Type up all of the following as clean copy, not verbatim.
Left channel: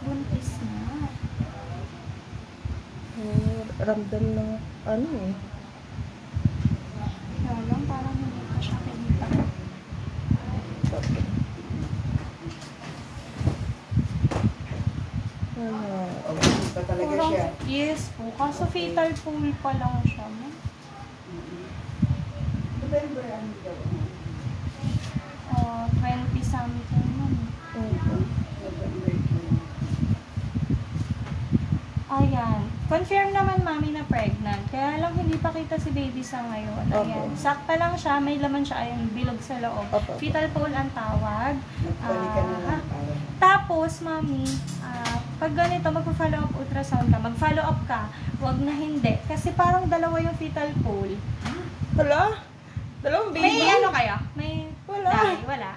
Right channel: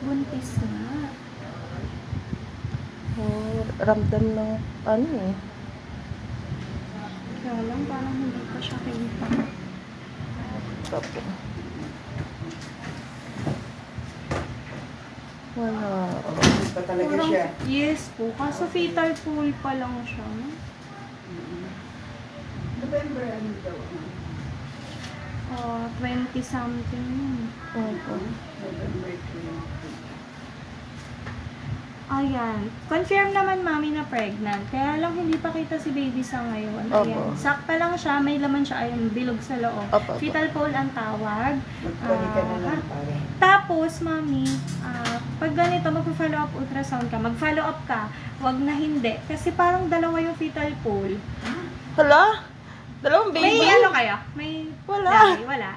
Buntis na. Oh, ramdam ng ano eh. Kaya lang, parang hindi pa siya kita. Tapos. Wala. Buntis pa talaga Parang, siya. yes po. Kaso fatal pool pa lang siya. November, ano daw? 20 something nun. November 20. Ayan. Confirm naman mami na pregnant. Kaya lang hindi pa kita si baby sa ngayon. Ayan. Opo. Sak pa lang siya. May laman siya. Ayun, bilog sa loob. Opo. Fetal pool ang tawag. Magpalik ka na lang para. Tapos, mami, pag ganito, magpa-follow up ultrasound ka, mag-follow up ka, wag na hindi. Kasi parang dalawa yung fetal pool. Hala? Dalawang baby? May ano kaya? May Wala. Wala.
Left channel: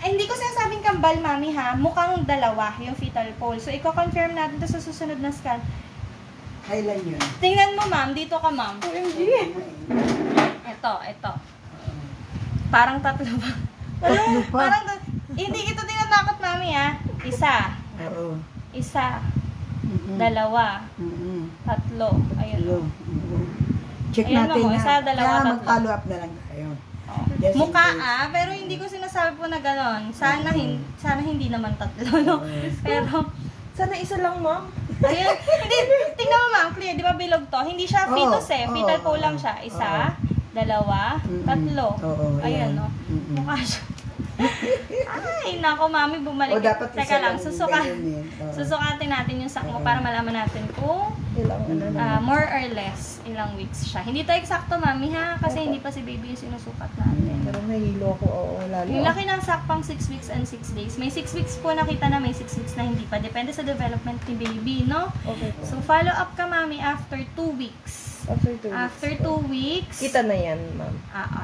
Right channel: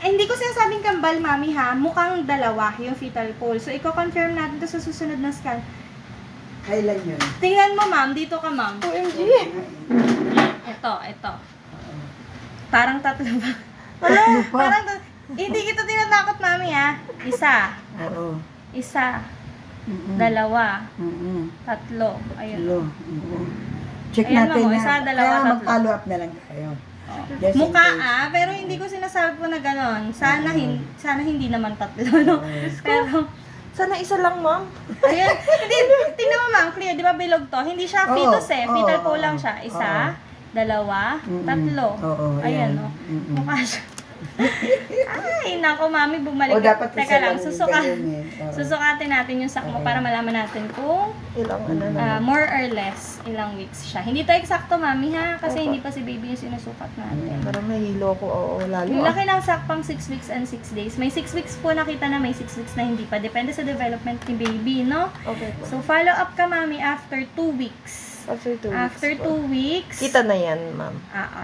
Hindi ko sinasabing kambal, mami, ha? Mukhang dalawa yung fetal pool. So, i-confirm natin to sa susunod na scan. Kailan yun? Tingnan mo, ma'am. Dito ka, ma'am. OMG. Ito. Parang tatlo ba? Tatlo pa. Parang hindi kita tinatakot, mami, ha? Isa. Oo. Isa. Dalawa. Tatlo. Ayun. Hello. Check Ayan, natin ma'am, yan. isa, dalawa, Kaya tatlo. mag-follow up na lang tayo. Just in Mukha case. pero hindi ko sinasabi po na gano'n. Sana hindi naman tatlo, no? Pero, Sana isa lang, ma'am. ayun, hindi, tingnan mo ma'am, clear, di ba bilog to? Hindi siya fetus eh, fetal po lang siya. Isa, dalawa, tatlo. Oo, Ayan, ayan. no? Mukha siya. Ay, nako mami, bumalik. O, dapat Teka isa lang, lang yung ganun eh. Oo. susukatin natin yung sack mo para malaman natin kung Ilang ano na. more or less ilang weeks siya. Hindi to eksakto, mami, ha? Kasi Opo. hindi pa si baby yung sinusukat natin. Pero nahilo ko. Oo, lalo. Yung laki ng sack pang 6 weeks and 6 days. May 6 weeks po nakita na, may 6 weeks na hindi pa. Depende sa development ni baby, no? Okay po. So, follow up ka, mami, after 2 weeks. After 2 weeks. After 2 weeks. Kita na yan, ma'am.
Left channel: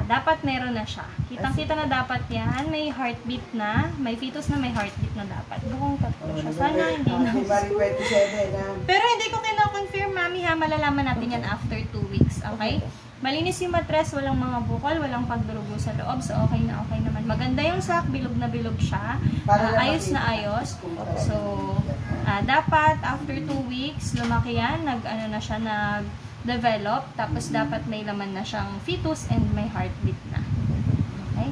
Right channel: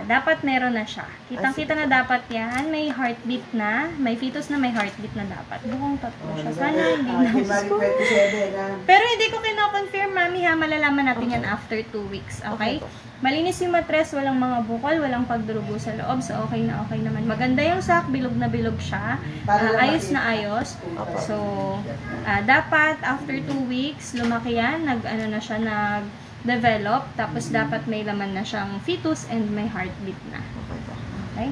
Dapat meron na siya. Kitang-kita na dapat yan. May heartbeat na. May fetus na may heartbeat na dapat. Bukong tatlo siya. Sana hindi na. January 27 na. Pero hindi ko kino-confirm, mami, ha. Malalaman natin yan after 2 weeks. Okay? Okay po. Malinis yung matres, walang mga bukol, walang pagdurugo sa loob. So, okay na okay naman. Maganda yung sack, bilog na bilog siya. Ayos na ayos. So, dapat after 2 weeks, lumaki yan. Nag-ano na siya, nag-develop. Tapos, dapat may laman na siyang fetus and may heartbeat na. Okay?